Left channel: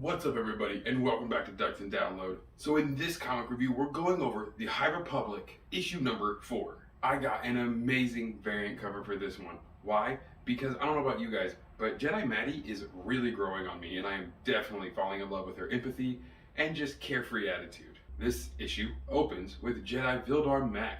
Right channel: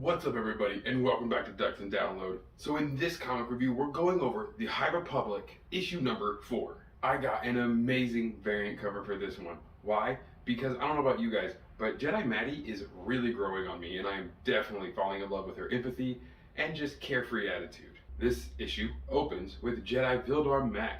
What's up everybody, and welcome back to Ducks and Download. So in this comic review, we're going over the High Republic issue number 4. I got an amazing variant cover for this one. Why? Because I don't know about you guys, but Jedi Maddie is really growing on me, and I am definitely falling in love with her empathy and just carefree attitude. This issue opens with Jedi Vildar Mac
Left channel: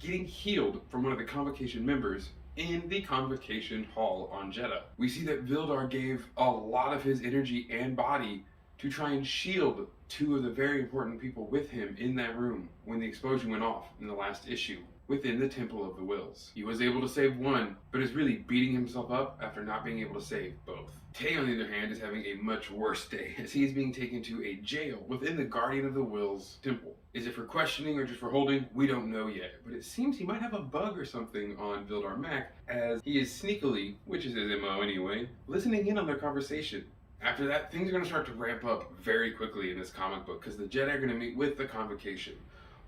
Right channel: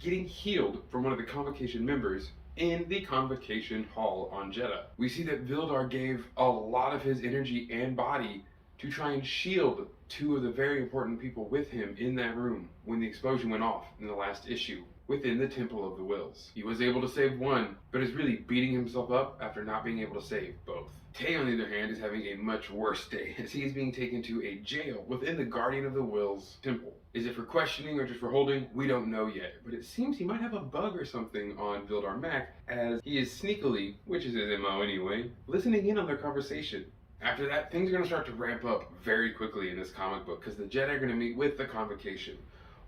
getting healed from one of the Convocation members in the Convocation Hall on Jedha. We see that Vildar gave a lot of his energy and body to try and shield two of the very important people with him in that room when the explosion went off in the last issue within the Temple of the Wills. He was able to save one, but is really beating himself up after not being able to save both. Tay, on the other hand, is having a much worse day as he is being taken to a jail within the Guardian of the Wills temple. Is it for questioning or just for holding? We don't know yet, but it seems he might have a bug or something on Vildar Mac as he is sneakily, which is his MO anyway, listening in on their conversation. After that, things are going to start to ramp up very quickly in this comic book because the Jedi are going to meet with the Convocation.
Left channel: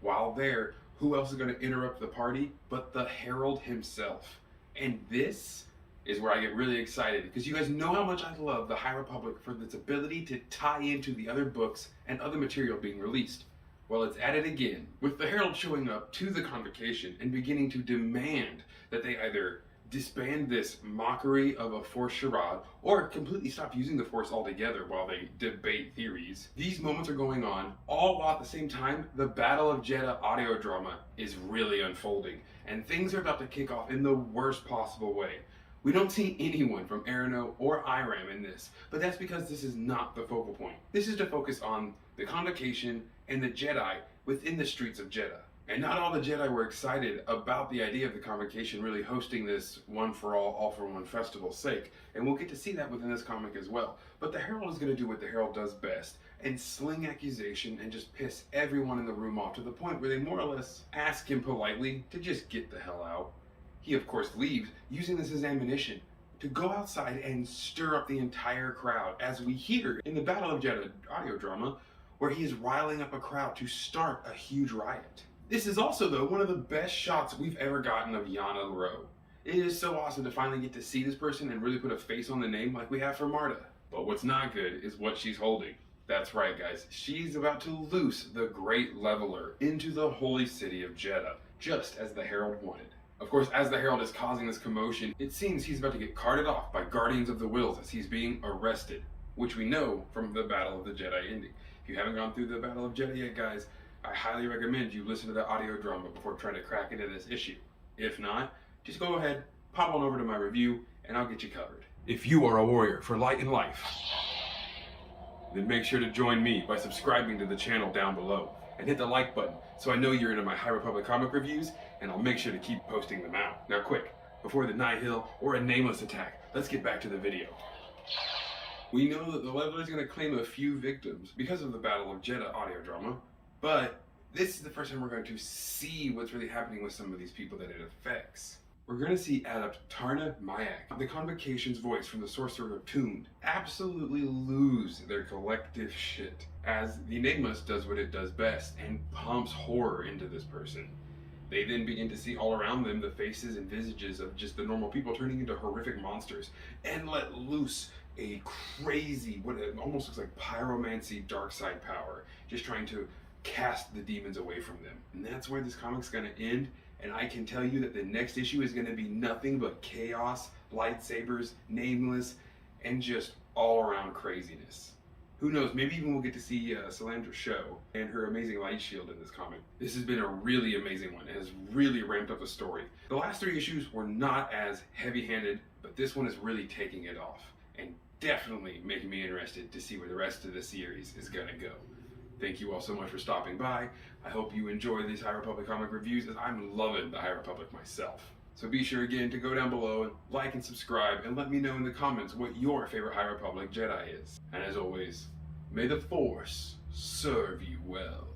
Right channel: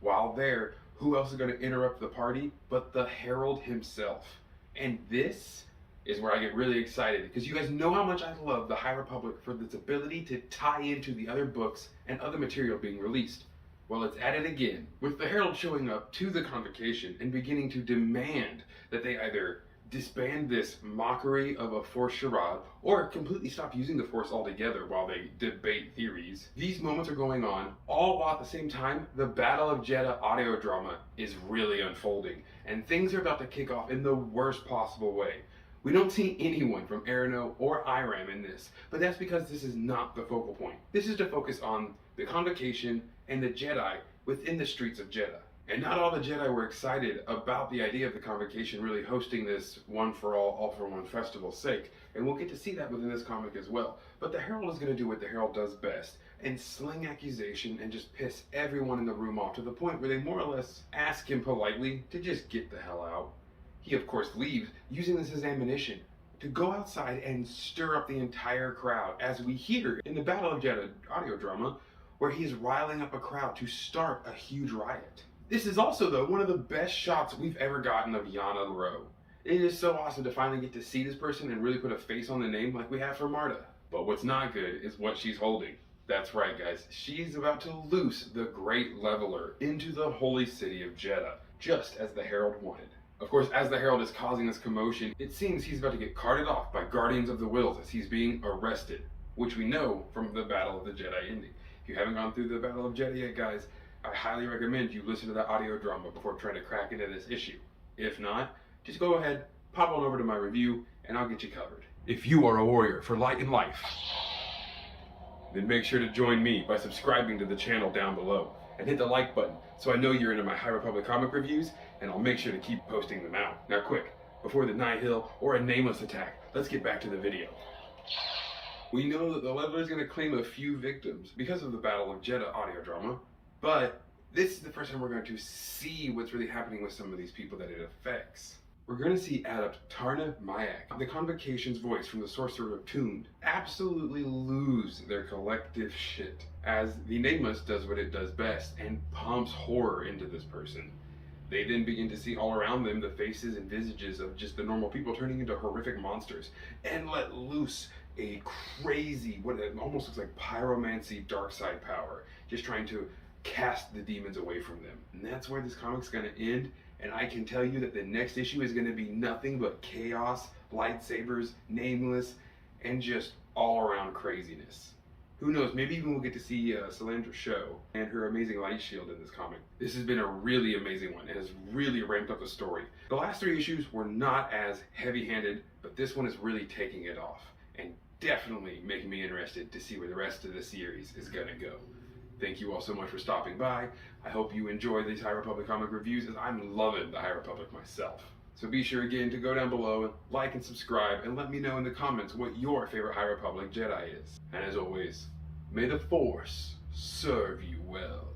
While there, who else is going to interrupt the party but the Herald himself? And this is where I get really excited because you guys know how much I love the High Republic for its ability to tie into the other books and other material being released. Well, it's at it again, with the Herald showing up to the Convocation and beginning to demand that they either disband this mockery of a Force charade or completely stop using the Force altogether while they debate theories. These moments are going on all while at the same time the Battle of Jedha audio drama is really unfolding and things are about to kick off in the worst possible way. We don't see anyone from Arano or Iram in this, but that's because this is not the focal point. This is to focus on the Convocation and the Jedi within the streets of Jedha. And not all the Jedi were excited about the idea of the Convocation really hosting this one for all for one festival's sake. And we'll get to see that within this comic as well. But the Herald is going to do what the Herald does best and sling accusation and just piss everyone in the room off to the point where they more or less ask him politely to just get the hell out. He of course leaves, using this as ammunition to go outside and stir up the entire crowd, as we hear in the Battle of Jedha audio drama, where he is riling up a crowd to start a huge riot. This is also, though, one of the best shots we've ever gotten of Yana Rowe. It is so awesome to finally get to see this person and really put a face on the name like we have for Marta. But what's not good is what she's holding. That's right, guys. She's about to loose the Great Leveler into the holy city of Jedha, just as the Herald wanted. Of course, as the Herald is causing this commotion, it seems he's about to get carted off by Guardians of the Wills as he's being arrested, which we know from the Battle of the Jedi ending. If you haven't gone through the Battle of Jedha yet, guys, I highly recommend you listen to the audio drama before trying to crack into this issue. If not, just go ahead, pop on over to my review, and I'll get you covered. If you are a warrior for light and life, then make sure to join me by subscribing to the channel down below and hit the like button so I know you're into my High Republic comic reviews, and I'll make sure to keep posting them out. Now quick, before the Nihil or a nameless attack, let's get back to the video. We know that the Leveler is going to claim a few victims because of the Battle of Jedha audio drama, but this is the first time we're going to see what's really happening with some of these people that it affects. We're going to see Adept Tarna Mayak, the Convocation's voice from the Sorcerer of Toon, absolutely lose their collective shit as the Nameless does what it does best and pumps horror into this person. They then begin to see all around them the faces and visages of just the normal people turning into horrific monsters and let loose a crazy, what it almost looks like pyromancy dark side power, just trying to cast the demons away from them. And that's where this comic's going to end, and I can tell you that the next issue is going to be nothing but chaos, lightsabers, Nameless, and just all around craziness. Who knows, maybe even we'll get to see Salandra Show and her amazing light shield in this comic. This has been a really amazing one. It has really ramped up the story. The last 3 issues were not as heavy-handed, but this one is really taking it off and definitely making me interested to see where the rest of the series is going to go. Thank you all so much for stopping by. I hope you enjoy these High Republic comic reviews as I'm loving the High Republic myself. So be sure again to go down below and like and subscribe and let me know in the comments what your favorite High Republic Jedi is. And as always, may the Force serve you well.